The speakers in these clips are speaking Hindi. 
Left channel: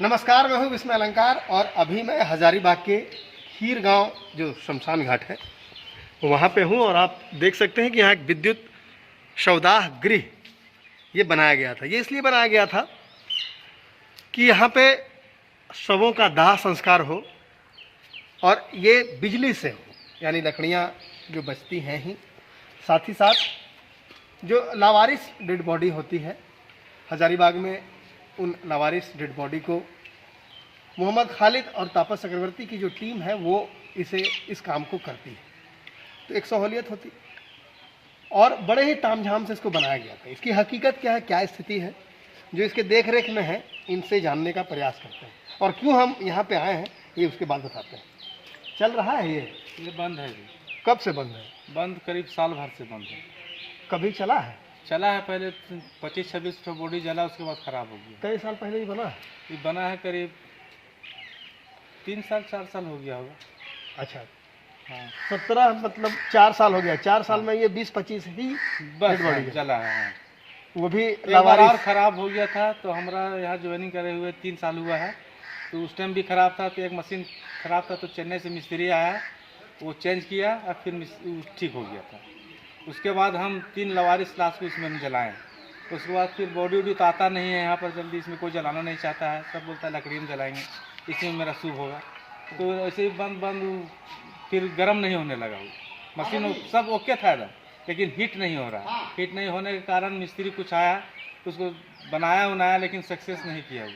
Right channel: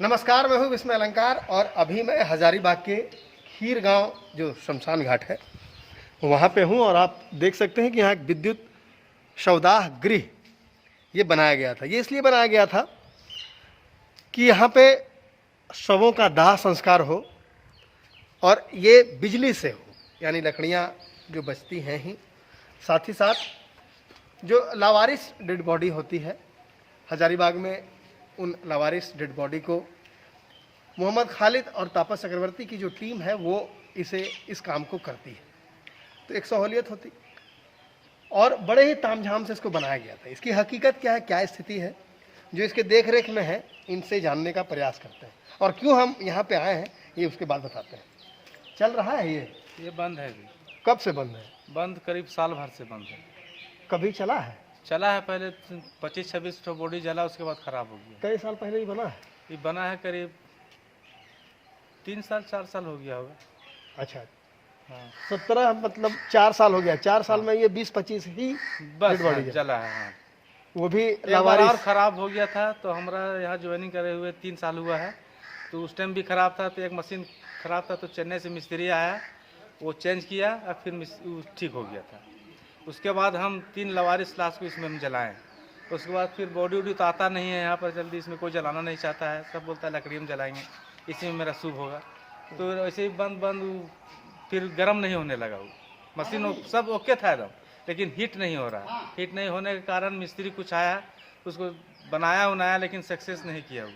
नमस्कार, मैं हूं विस्मय अलंकार और अभी मैं हजारीबाग के हीर गांव जो शमशान घाट है वहां पे हूं और आप देख सकते हैं कि यहाँ एक विद्युत शवदाह गृह ये बनाया गया था। ये इसलिए बनाया गया था कि यहाँ पे शवों का दाह संस्कार हो और ये बिजली से हो, यानी लकड़ियाँ जो बचती हैं ही, साथ ही साथ जो लावारिस डेड बॉडी होती है हजारीबाग में, उन लावारिस डेड बॉडी को मोहम्मद खालिद और तापस चक्रवर्ती की जो टीम है वो इस काम को करती है। तो एक सहूलियत होती और बड़े ही तामझाम से इसको बनाया गया था। इसकी हकीकत क्या है, क्या स्थिति है, जो इसके देख रेख में है, इनसे जानने का प्रयास करते हैं और क्यों हम यहाँ पे आए हैं ये उसके बाद बताते हैं। चल रहा है ये बंद है जी। कब से बंद है? बंद करीब साल भर से बंद है। कभी चला है? चला है, पहले 25-26 तो बॉडी जला, उसके बाद खराब हो गया। कई साल पहले ही बना है? ये बना है करीब 3-4 साल हो गया होगा। अच्छा, हाँ 17 मतलब 4 साल हो गया। 4 साल में ये 20-25 ही बस डेड बॉडी जला है। हाँ। वो भी एक बार लावारिस। और ख़राब हो गया था तो हमारा यहाँ ज्वाइनिंग करे हुए 3 साल हुआ है, तो उस टाइम भी ख़राब था। तो एक मशीन ख़राब था तो चेन्नई से मिस्त्री आया, वो चेंज किया और फिर ठीक हो गया था। उसके बाद हम 3 लवारिस लाश को इसमें जलाएं। उसके बाद फिर बॉडी वॉडी तो आता नहीं है यहाँ पर जल्दी, इसमें कोई जलाना नहीं चाहता है, सब बोलता है लकड़ी में जलाएंगे, इसी में मेरा शुभ होगा। तो ऐसे ही बंद फिर गर्म नहीं होने लगा। वो मशीन सब ओके था एकदम, लेकिन हीट नहीं हो रहा। हीट नहीं होने के कारण मिस्त्री कुछ आया, उसको बनाया उनाया, लेकिन सक्सेस नहीं किया वो,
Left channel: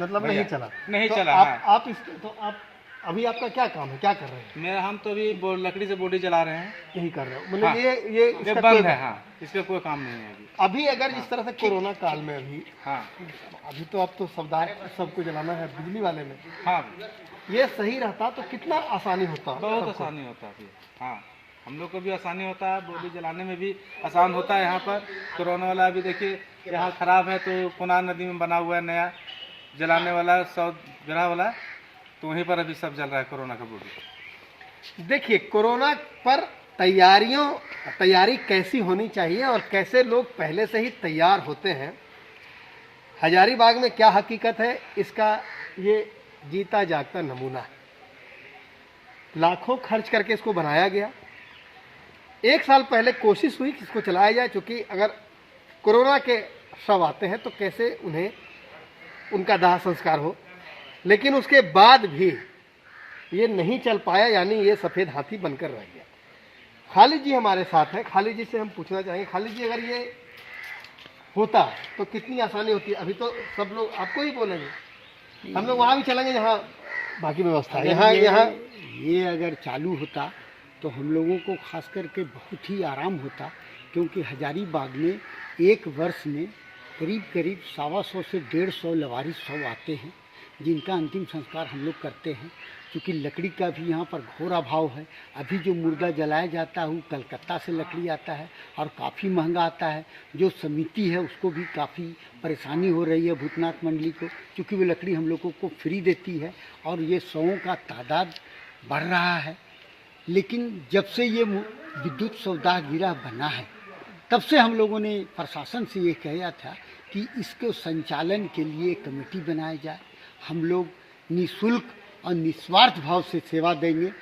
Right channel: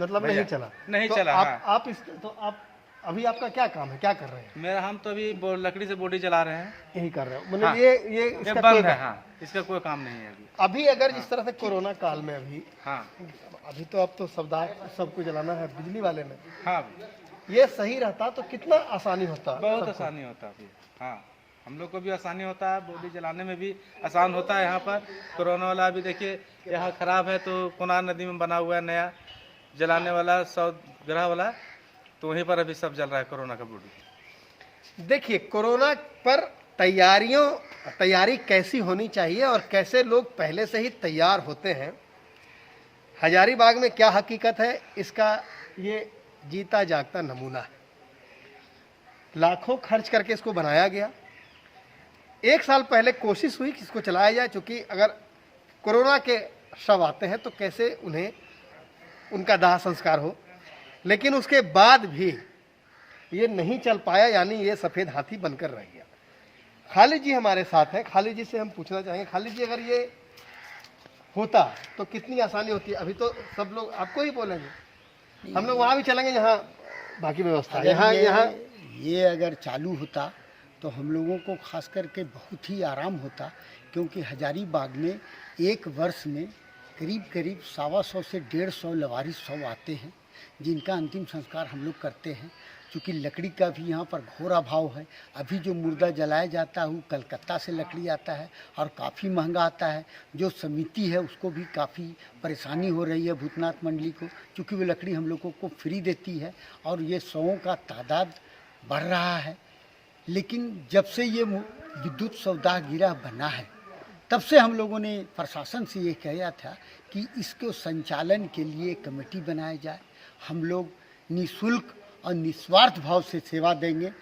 मतलब नहीं चला। नहीं तो चला। आप अभी आपका क्या काम है, क्या कर रहे हैं? हम तो अभी लकड़ी से बॉडी जला रहे हैं। यही कर रहे हैं मतलब। हाँ। ये ये बंद है। हाँ, इसका कोई काम नहीं है अभी अगर जिस तरह से कोरोना काल में अभी, हाँ अभी तो अब तो सबको जलाना है बिजली वाले में। हाँ, ये सही रहता तो कितना आसानी होता। बहुत आसानी होता है। हाँ, हम लोग को भी आसानी होता है, बॉडी जलाने में भी आसान होता है। यहाँ पर कोरोना वाला अभी देखिए यहाँ खराब है, तो कोना नदी में बना हुआ है नया जलाने वाला 100 ग्रह वाला, तो वहीं पर अभी सब जल रहा है कोरोना का बॉडी। देखिए, कोरोना पर तैयारी कैसी होनी चाहिए और कैसे लोग पहले से ही तैयार होते हैं, हजारीबाग में क्या हकीकत है, इसका ये जीता जागता नमूना है। लाखों खर्च करके इसको बनाया गया। 1 साल पहले कोशिश हुई कि इसको चलाया जाए, क्योंकि अगर कोरोना के शव आते हैं तो कैसे उन्हें उनका दाह संस्कार हो, लेकिन उसके बाद भी ये नहीं चल पाया, यानी ये सफ़ेद हाथी बनकर रह गया। खालिद जी हमारे साथ हैं। खालिद जी से हम पूछना चाहेंगे, खालिद जी अगर ये होता तो कितनी आसानी होती। अभी तो सब लोग आपको ही बोलेंगे, हम लोग वहाँ भी चलेंगे जहाँ बाकी व्यवस्था है। यहाँ ये अगर चालू होता तो हम लोगों को खास करके बहुत ही आराम होता, क्योंकि हजारीबाग में एक वर्ष में करीब 125 से 150 लवारिस शव आते हैं, जिनका अंतिम संस्कार हम लोग करते हैं। क्योंकि लकड़ी का भी यहाँ पर घोर अभाव है। अभी जो मुर्दा जलाया जाता है वो कलकत्ता से लकड़ी आता है और काफ़ी महंगा आता है। जो समिति है उसको भी काफ़ी परेशानी हो रही है, भूतनाथ मंडली को, क्योंकि वो लकड़ी हम लोगों को फ्री देती है और ये शवों का तादाद बढ़ रहा है। लेकिन जब से ये विद्युत शवदाह गिरह बना है, तब से हम लोगों ने प्रशासन से ये कहा था कि इसके संचालन के लिए कमेटी बनाई जाए। हम लोग निःशुल्क और निस्वार्थ भाव से सेवा देंगे,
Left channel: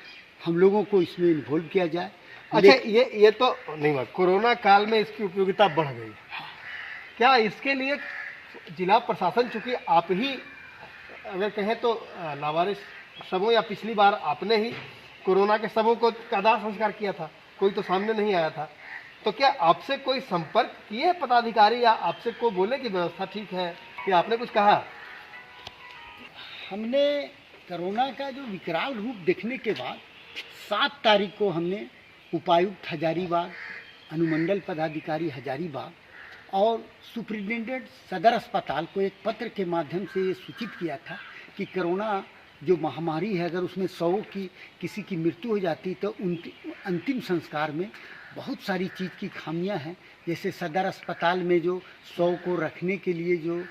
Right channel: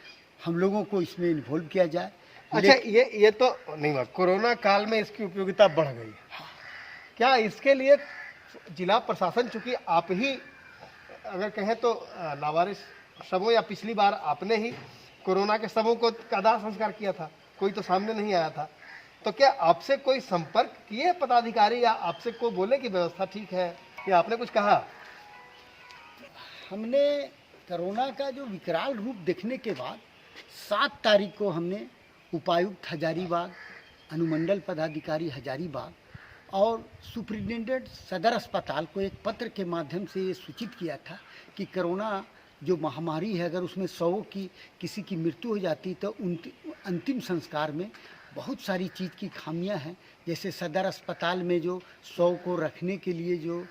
हम लोगों को इसमें इन्वॉल्व किया जाए। अच्छा, ये तो नहीं हुआ। कोरोना काल में इसकी उपयोगिता बढ़ गई, क्या इसके लिए जिला प्रशासन, चूंकि आप ही अगर कहें तो लावारिस शवों, या पिछली बार आपने ही कोरोना के शवों को का दाह संस्कार किया था, कोई तो सामने नहीं आया था, तो क्या आपसे कोई संपर्क किए पदाधिकारी या आपसे कोई बोले कि व्यवस्था ठीक है, या आपने कुछ कहा? हमने कोरोना का जो विकराल रूप देखने के बाद 7 तारीख को हमने उपायुक्त हजारीबाग, अनुमंडल पदाधिकारी हजारीबाग और सुप्रिंटेंडेंट सदर अस्पताल को एक पत्र के माध्यम से ये सूचित किया था कि कोरोना जो महामारी है, अगर उसमें 100 की किसी की मृत्यु हो जाती तो अंतिम संस्कार में बहुत सारी चीज़ की खामियां हैं। जैसे सदर अस्पताल में जो 100 को रखने के लिए जो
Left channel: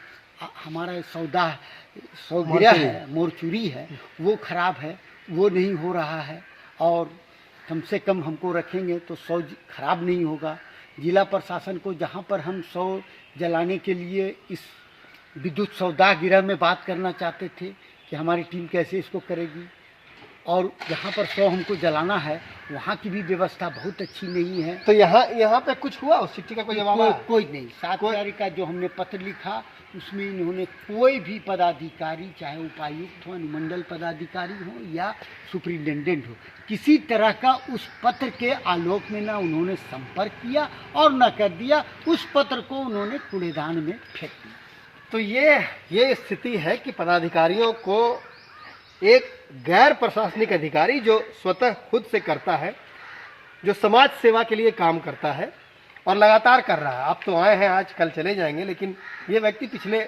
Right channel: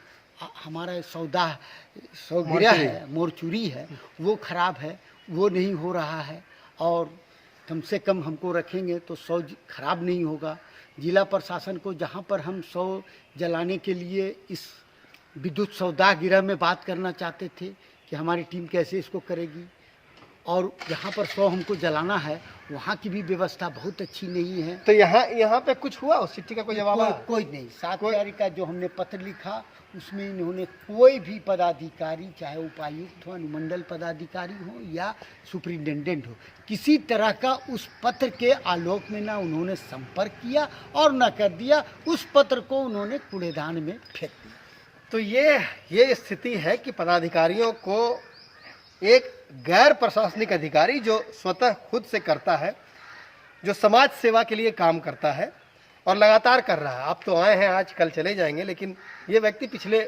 हमारा सौदा है, मोरचूरी है, वो ख़राब है, वो नहीं हो रहा है। और कम से कम हमको रखेंगे तो 100 खराब नहीं होगा। जिला प्रशासन को जहाँ पर हम 100 जलाने के लिए इस विद्युत सौदा गिरह में बात करना चाहते थे कि हमारी टीम कैसे इसको करेगी, और जहाँ पर 100 हमको जलाना है वहाँ की भी व्यवस्था बहुत अच्छी नहीं है। तो यहाँ पे कुछ हुआ, उस चिट्ठी का कोई जवाब आया? कोई नहीं। 7 तारीख का जो हमने पत्र लिखा उसमें इन्होंने कोई भी पदाधिकारी, चाहे उपायुक्त हो, अनुमंडल पदाधिकारी हो या सुपरिटेंडेंट हो, किसी तरह का उस पत्र के आलोक में ना उन्होंने संपर्क किया और न कर दिया। उस पत्र को उन्होंने कूड़ेदान में फेंक दिया। तो ये स्थिति है कि पदाधिकारियों को एक गैर प्रशासनिक अधिकारी जो स्वतः खुद से करता है, जो समाज सेवा के लिए काम करता है और लगातार कर रहा है। आप तो आए हैं आज, कल चले जाएंगे, लेकिन ये व्यक्ति पिछले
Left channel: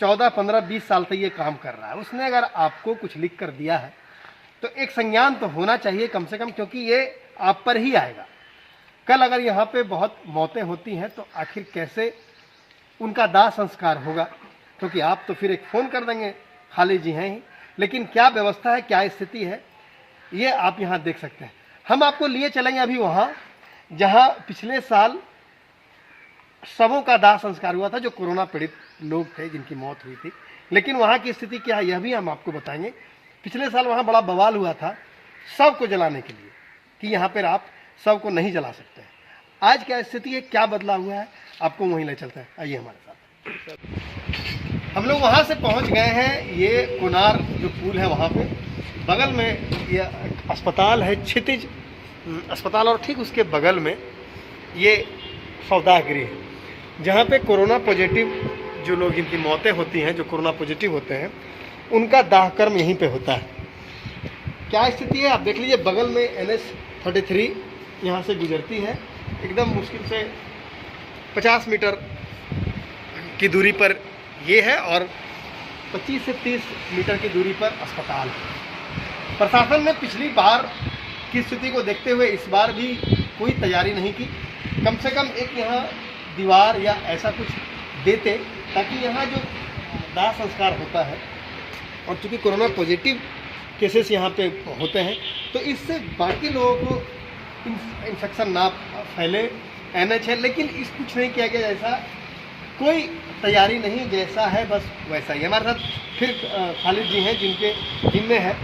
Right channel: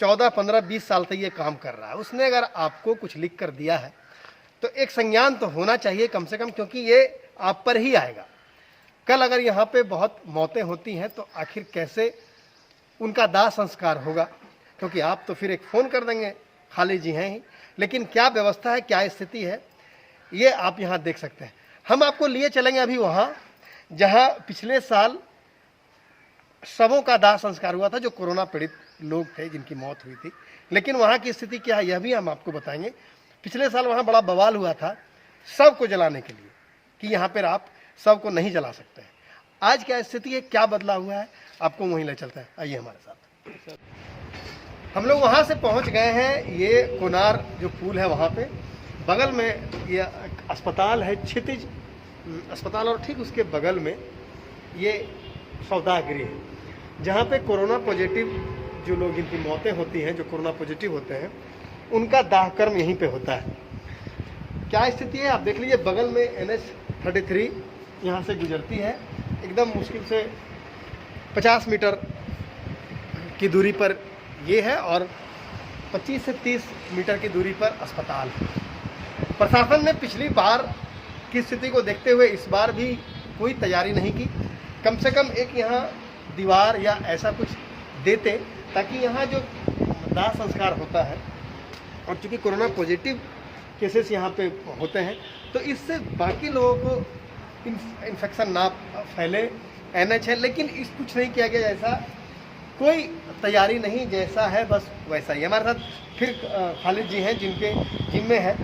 14, 15, 20 साल से ये काम कर रहा है। उसने अगर आपको कुछ लिख कर दिया है तो एक संज्ञान तो होना चाहिए कम से कम, क्योंकि ये आप पर ही आएगा। कल अगर यहाँ पे बहुत मौतें होती हैं तो आखिर कैसे उनका दाह संस्कार होगा, क्योंकि आप तो फिर एक फ़ोन कर देंगे, खाली जी हैं ही। लेकिन क्या व्यवस्था है, क्या स्थिति है, ये आप यहाँ देख सकते हैं। हम आपको लिए चलेंगे अभी वहाँ जहाँ पिछले साल शवों का दाह संस्कार हुआ था, जो कोरोना पीड़ित लोग थे जिनकी मौत हुई थी। लेकिन वहाँ की स्थिति क्या है यह भी हम आपको बताएंगे। पिछले साल वहाँ बड़ा बवाल हुआ था शव को जलाने के लिए कि यहाँ पर आप शव को नहीं जला सकते हैं। आज क्या स्थिति है, क्या बदला हुआ है, आपको वहीं ले चलते हैं। आइए हमारे साथ। हम लोग वहाँ से पहुँच गए हैं। ये कोनार जो पुल है वहाँ पे बगल में ये अस्पताल है, क्षितिज अस्पताल, और ठीक उसके बगल में ये सौदागृह है जहाँ पे कोरोना पॉजिटिव जो लोग, जिनकी मौतें होती हैं, जो कोरोना पॉजिटिव होते हैं, उनका दाह कर्म यहीं पे होता है। क्या स्थिति है आप देख लीजिए। बगल में NH-33 यहाँ से गुजरती है, एकदम मुश्किल से 50 मीटर की दूरी पर ये है और 25 से 30 मीटर की दूरी पर अस्पताल है। प्रशासन ने पिछली बार की स्थिति को देखते हुए इस बार भी कोई तैयारी नहीं की। कम से कम एक यहाँ दीवार या ऐसा कुछ देते ताकि यहाँ जो दाह संस्कार होता है, और चूँकि कोरोना पॉजिटिव केसेस यहाँ पे होते हैं तो इससे बाकी लोगों को इन्फेक्शन ना फैले, NH है। लेकिन इस कुछ नहीं किया गया, जैसा कोई तैयारी नहीं, जैसा है बस वैसा ही। हमारे साथ फिर खालिद जी हैं जिनके जिम्मे है।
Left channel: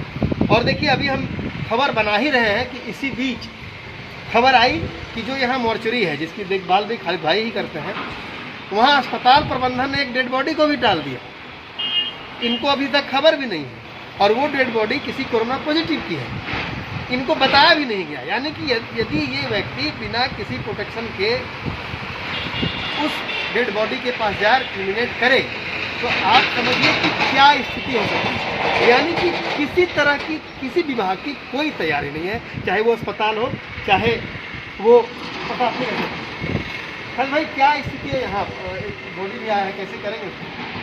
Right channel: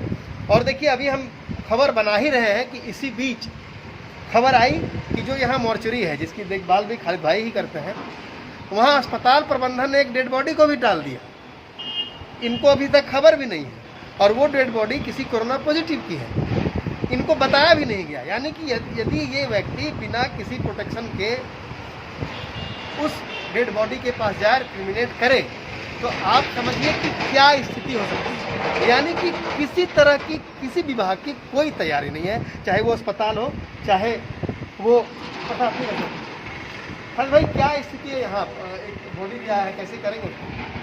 और देखिए अभी हम खबर बना ही रहे हैं कि इसी बीच खबर आई कि जो यहाँ मॉर्चरी है, जिसकी देखभाल भी खालिद भाई ही करते हैं, वहाँ अस्पताल प्रबंधन ने एक डेड बॉडी को भी टाल दिया। इनको अभी तक खबर भी नहीं है, और वो डेड बॉडी किसी कोरोना पॉजिटिव की है, इनको बताया भी नहीं गया। यानी कि यदि ये व्यक्ति बिना किसी प्रोटेक्शन के उस डेड बॉडी के पास जाकर क्रिमिनेट करे तो आप समझिए कि क्या स्थिति हो सकती है। यानी कि किसी तरह की, किसी विभाग की कोई तैयारी नहीं है, चाहे वो अस्पताल हो, चाहे वो खालिद भाई क्या स्थिति है यहाँ? बॉडी भी आया है, कैसे करेंगे?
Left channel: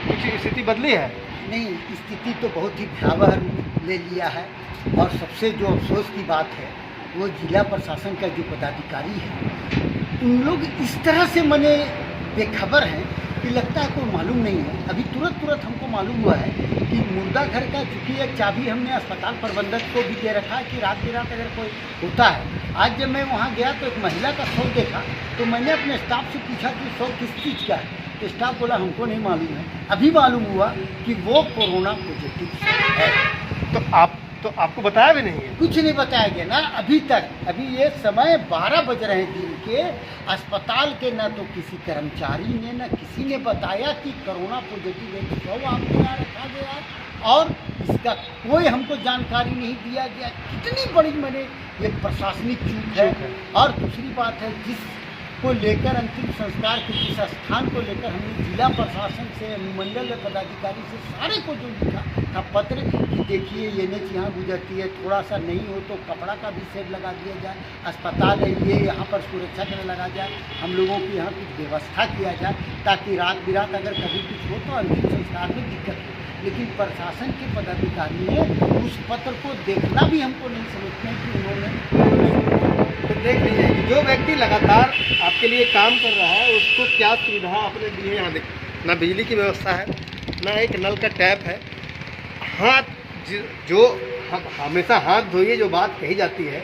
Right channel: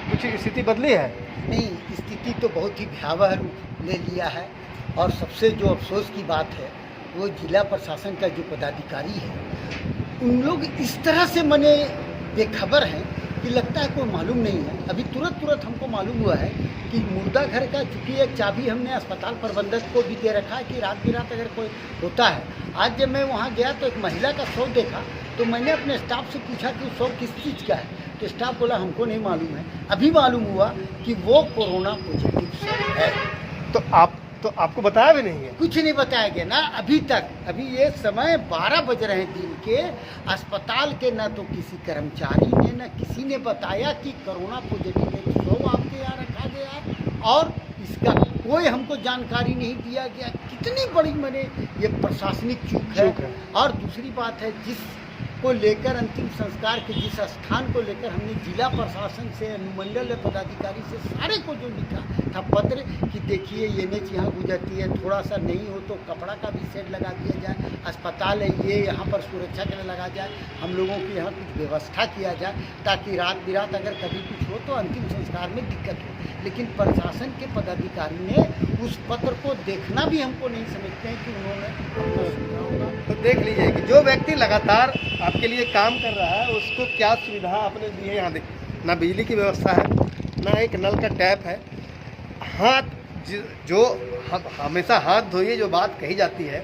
कुछ स्थिति बदली है? नहीं, स्थिति तो बहुत ही भयावह रूप ले लिया है। और सबसे जो अफसोस की बात है वो जिला प्रशासन का जो पदाधिकारी है, उन लोग इस तरह से मने बेखबर हैं कि लगता है कोई मालूम नहीं है। अभी तुरंत हमको मालूम हुआ है कि मुर्दा घर का चूँकि एक चाबी हमने अस्पताल प्रबंधक को भी दे रखा है कि रात बिरात अगर कोई होता है। आज जब मैं वहाँ गया तो एक महिला का शव देखा, तो मैंने अपने स्टाफ से पूछा कि शव किस चीज़ का है, तो स्टाफ बोला हमको नहीं मालूम है। अभी मालूम हुआ कि वो कोरोना पॉजिटिव है। तो आपको बताया भी नहीं है? कुछ नहीं बताया गया ना अभी तक। अभी ये समय 12 बज रहे हैं दिन के, अस्पताल के न तो किसी कर्मचारी ने न किसी ने बताया कि कोरोना पॉजिटिव एक शव आपके यहाँ रखा गया, और इसका कोई हमको जानकारी नहीं दिया गया। कितनी बड़ी मैंने ये प्रशासनिक चूक है। और दूसरी बात है, जिसको लेकर अंतिम संस्कार के जिस स्थान को लेकर हमने जिला प्रशासन से, अनुमंडल पदाधिकारी से सारे को जो लिखा था पत्र कि देखिए ये NH यहाँ गुजरती है, थोड़ा सा नहीं हो तो कपड़ा का भी शेड लगा दिया जाए, अस्पताल है ये यहाँ पर सुरक्षा के लिए लगा जाए, हम लोगों की यहाँ कुछ व्यवस्था किया जाए ताकि रात बिरात अगर कभी कुछ हो तो अंतिम संस्कार में दिक्कत हो। लेकिन प्रशासन के पदाधिकारी ने उस पत्र को देखना भी हमको नहीं समझते हैं कि उन्होंने। तो देख लीजिए कि जो व्यक्ति लगातार आपके लिए काम कर रहा है उसको क्या सुविधा आपने दी है। यहाँ देख, ना बिजली की व्यवस्था है, ना एक नल का टैप है। हाथ जो हमेशा हाथ धोइए जो बात कही जाती है,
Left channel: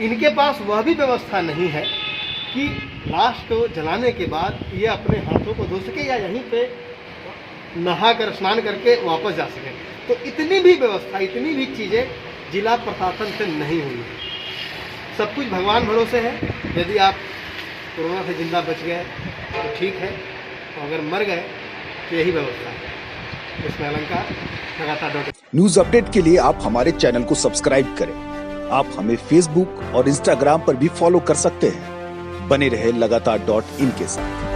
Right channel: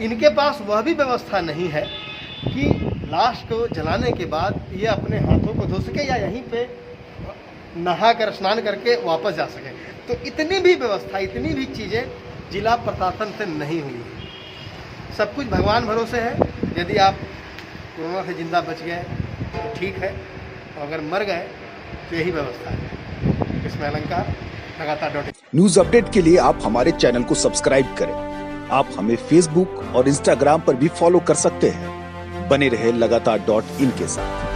इनके पास वह भी व्यवस्था नहीं है कि लाश को जलाने के बाद ये अपने हाथों को धो सके या यहीं पे नहा कर स्नान करके वापस जा सकें। तो इतनी भी व्यवस्था, इतनी भी चीज़ें जिला प्रशासन से नहीं हुई है। सब कुछ भगवान भरोसे है। यदि आप कोरोना से जिंदा बच गए तो ठीक है, और अगर मर गए तो यही व्यवस्था है। इसमें अलंकार लगातार न्यूज अपडेट के लिए आप हमारे चैनल को सब्सक्राइब करें। आप हमें फेसबुक और इंस्टाग्राम पर भी फॉलो कर सकते हैं। बने रहे लगातार .in के साथ।